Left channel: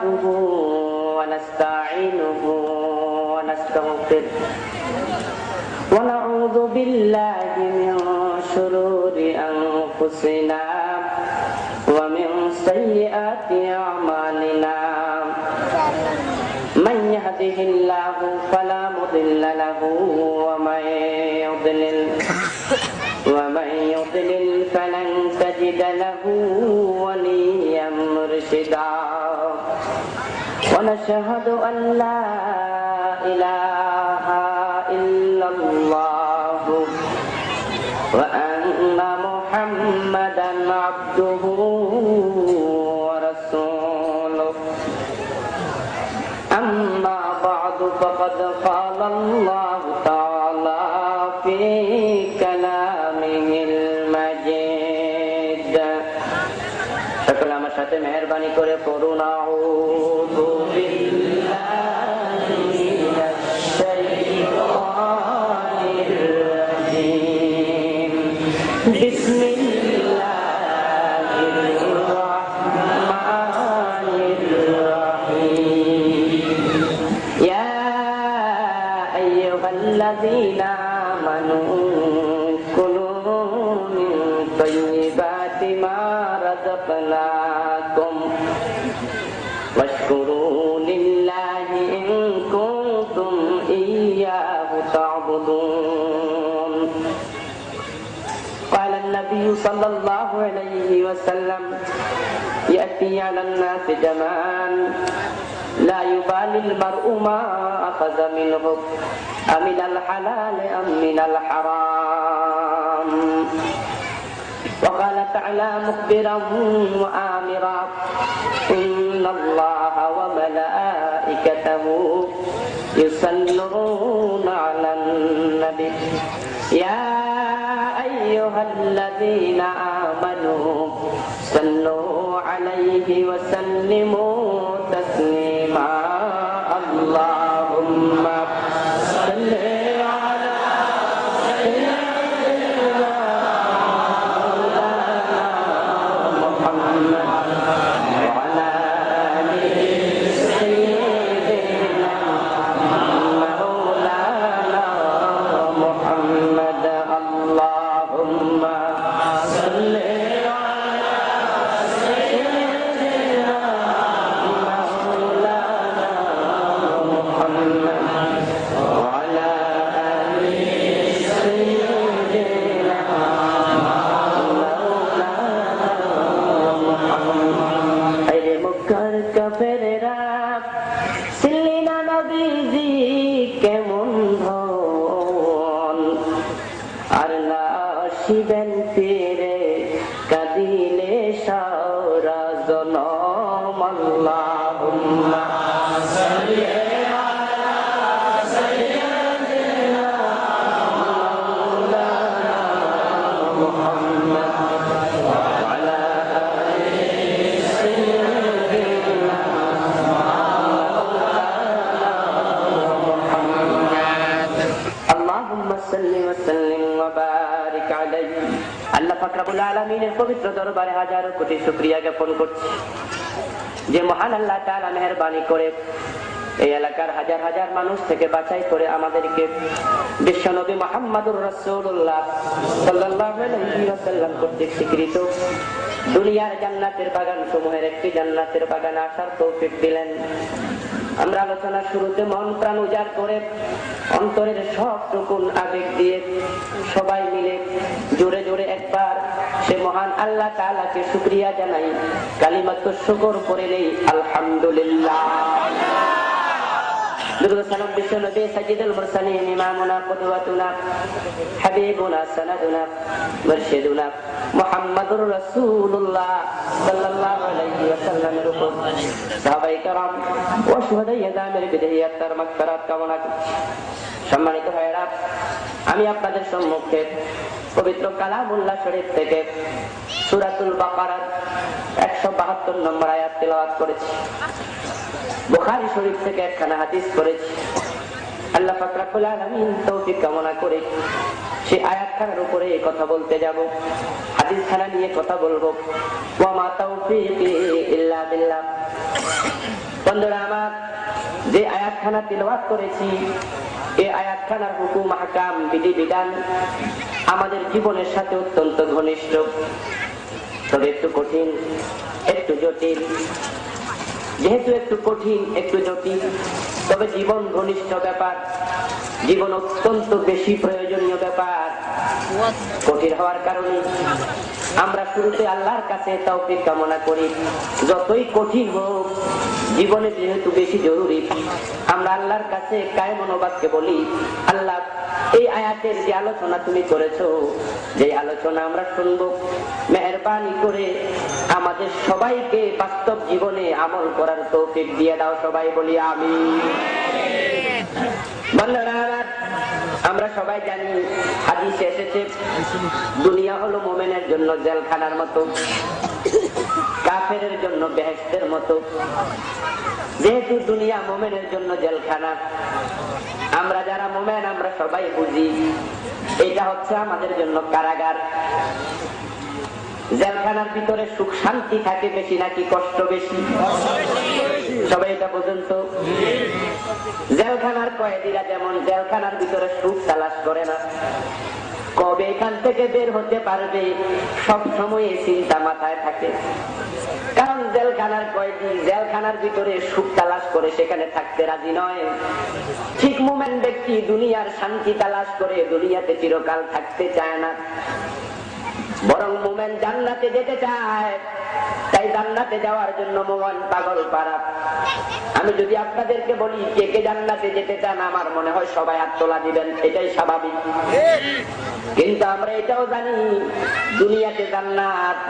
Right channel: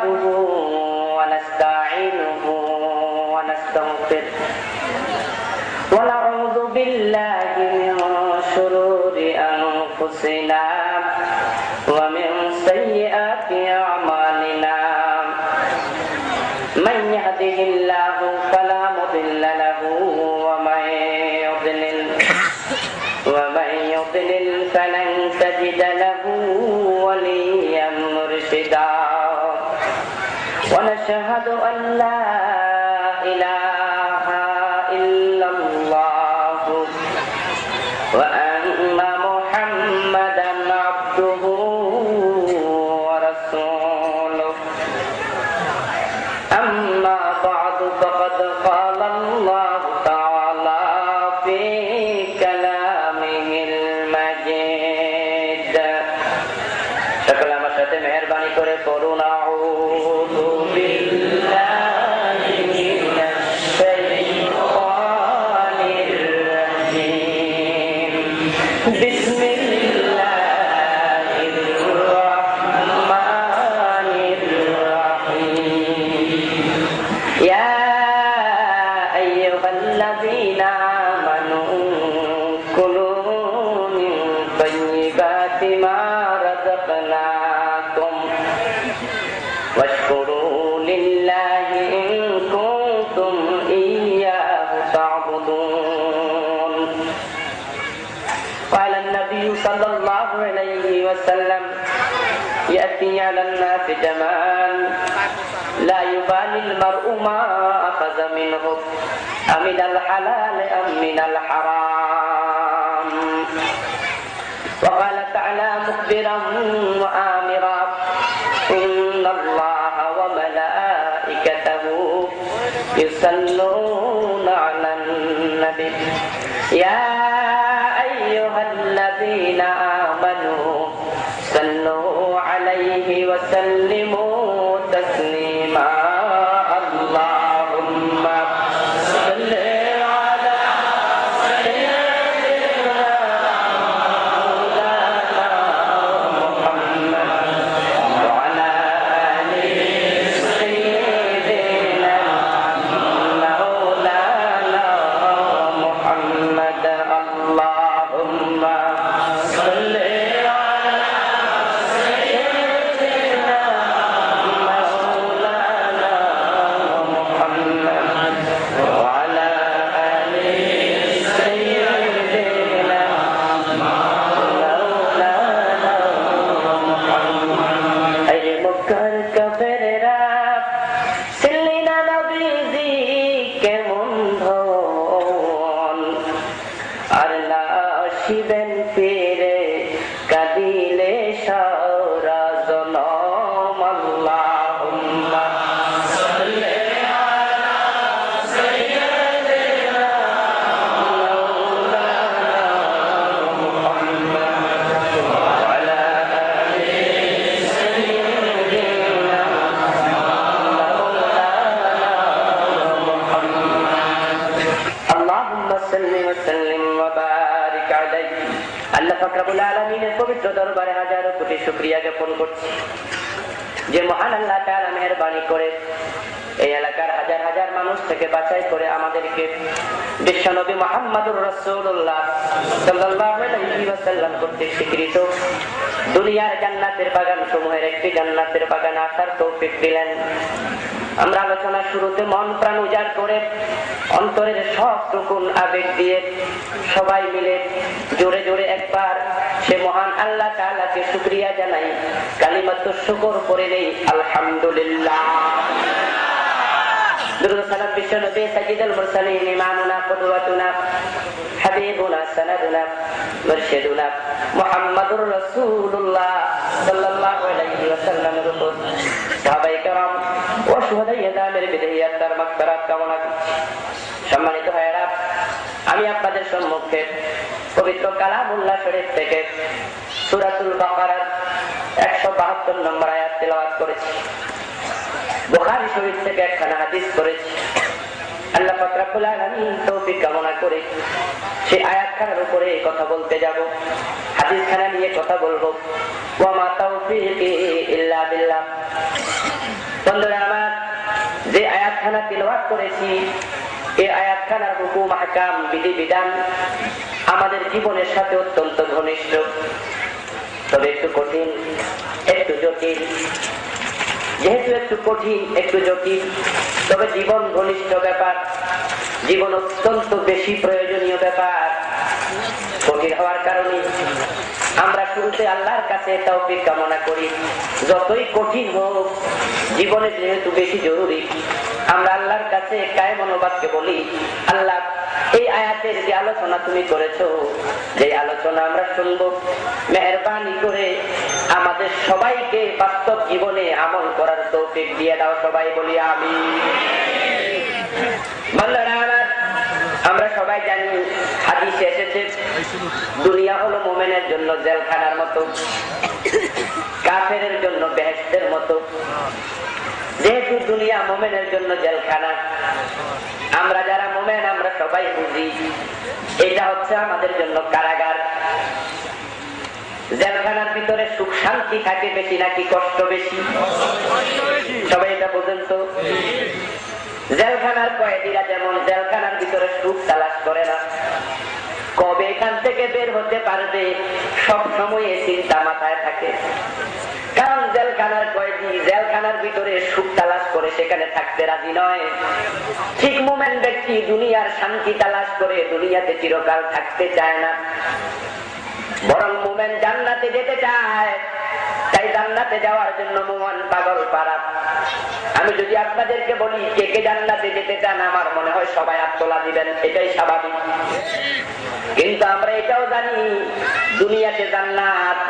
نحمده ونستعينه ونستغفره ونعوذ بالله من شرور أنفسنا ومن سيئات أعمالنا من يهده الله فلا مضل له ومن يضلل فلن تجد له وليا مرشدا ونشهد أن لا إله إلا الله وأن محمدا عبده ورسوله أما بعد فقد قال الله تعالى في كلامه المجيد সকলে আমার সাথে মেহেরবানি করে পড়ুন আউযু বিল্লাহি মিনাশ শাইতানির রাজীম বিসমিল্লাহির রাহমানির রাহিম ইয়া আইয়ুহাল্লাযীনা আমানু কুলু মিন তাইয়্যিবাতি মা রাযাকনাকুম ওয়াশকুরু লিল্লাহি ইন কুনতুম ইয়্যাহু তা'বুদুন قال النبي صلى الله عليه وسلم يأتي على الناس زمان لا يبالي المرء ما أخذ منه أمن الحلال أم من الحرام وقال تعالى مخبرا وآمرا إن الله وملائكته يصلون على النبي يا أيها الذين آمنوا صلوا عليه وسلموا تسليما اللهم صل على سيدنا مولانا محمد وعلى آل سيدنا مولانا محمد اللهم صل শিবেন ফিরে কাদিলে সারা জনম আল্লাহুম্মা সাল্লি আলা সাইয়্যিদিনা মাওলানা মুহাম্মদ ওয়া আলা আলি সাইয়্যিদিনা মাওলানা মুহাম্মদ আল্লাহুম্মা সাল্লি ওয়া সাল্লিম ওয়া বারিক আলাইহি আল্লাহ পাক রব্বুল আলামিনের পবিত্র দরবারে হাজারো কোটি শুকরিয়া জ্ঞাপন করছি যে মহান আল্লাহ তাআলা মেহেরবানি করে এই এলাকার হাজার হাজার মানুষ থেকে বাছাই করে আমাদেরকে বিশ্বনবী মুহাম্মদুর রাসূলুল্লাহ সাল্লাল্লাহু আলাইহি ওয়াসাল্লাম কর্তৃক স্বীকৃত দুনিয়ার জান্নাতের বাগান সমূহের একটি জান্নাতের বাগানে আসার তৌফিক দিলেন। আমরা আলোচনার শুরুতে মন প্রাণ উজাড় করে অন্তরের সবটুকু আবেগ দিয়ে সবাই মিলে জোরে জোরে একবার সে মহান আল্লাহ তাআলাকে শুকরিয়া জানাই, কালিমাতুশ শুকর পড়ে নেই আলহামদুলিল্লাহ। দুরূদ সালাম বিশ্ব নবী সাইয়্যিদুল মুরসালিন ইমামুনা কুদওয়াতুনা হাবিবুনা সানাদুনা মুরশিদুনা মুহাম্মাদুর রাসূলুল্লাহ সাল্লাল্লাহু আলাইহি ওয়াসাল্লামের উপর সাহাবায়ে কেরাম ও শুহাদায়ে ইসলামের বিদায়াত তার মাগফিরাত কামনা করছি। সম্মানিত ভাইয়েরা, আমি আপনাদের সম্মুখে পবিত্র কালামুল্লাহ শরীফ থেকে সূরাতুল বাকারার 172 নম্বর আয়াত তেলাওয়াত করেছি। বুখারী শরীফ থেকে একখানা হাদিস করেছি। আল্লাহ পাক রব্বুল আলামিন তৌফিক কামনা করে সেই আয়াতখানার উপরে কথা বলতে যাব, হাদিসখানা নিয়ে কথা বলবো। ওয়া মা তাওফীকি ইল্লা বিল্লাহ। বন্ধুরা আমার, যে আয়াতখানা তিলাওয়াত করেছি, এই আয়াতখানার হুকুম, আহকাম, বিধিবিধান আমাদের জীবনের সাথে অত্যন্ত ঘনিষ্ঠ, তবে একটু কঠিন, একটু জটিল। যেহেতু একটু কঠিন, একটু জটিল, তবে জীবন ঘনিষ্ঠ ব্যাপার, জীবন অত্যন্ত বেশি প্রয়োজনীয় ব্যাপার। কঠিন হওয়ার কারণে আমরা শুরুতে আল্লাহর কাছে তৌফিক কামনা করি, যতই কঠিন হোক জীবনে যেহেতু বেশি জরুরি, আমরা আল্লাহর কাছে কায়ে মনোবাক্যে বলি, আল্লাহ এই আয়াতের যে আলোচনা তুমি করেছো, যে আলোচনা আমরা শুনবো, মেহেরবানি করে আমাদের সবাইকে বাস্তব জীবনে আমল করার তৌফিক দিয়ে দাও। সবাই বলি আমিন। বন্ধুরা আমার, আমরা সবাই জানি, হাদিসে এসেছে, দুনিয়া হলো মুমিনের জন্য জেলখানার মতো, কাফেরের জন্য বেহেশতের মতো। যেহেতু দুনিয়া মুমিনের জন্য জেলখানা, আমরা যারা মুমিন আমরা সবাই বুঝি এটা হচ্ছে আমাদের জন্য কারাগার। জেলখানার ভিতরে সুখ শান্তি থাকে বেশি নাকি কষ্ট বেশি? সবাই এটা বোঝেন তো? জেলখানার কয়েদিরা যেমন জেলখানার ভিতরে সুখ তালাশ করে না, কবে এখান থেকে বের হতে পারবে সব সময় চিন্তা মাথায় থাকে। কারণ জেলখানার কয়েদি জেলখানার ভিতরে সুখ তালাশ করে সেখানে থাকতে রাজি নয়। ঠিক মুমিন ব্যক্তি দুনিয়ার শান্তি তালাশ করে দুনিয়াতে চিরকাল থাকতে চায় না, বরং মুমিন জান্নাতে যেতে চায়। তাই জান্নাতে যাওয়ার জন্য মুমিন পাগল পারা। আমি যদি আপনাদেরকে বলি কে কে জান্নাতে যেতে চান, আমার মনে হয় সবাই হাত তোলা দিবেন, এটাই স্বাভাবিক। কিন্তু আমরা এটাও জানি দুনিয়াতে জান্নাত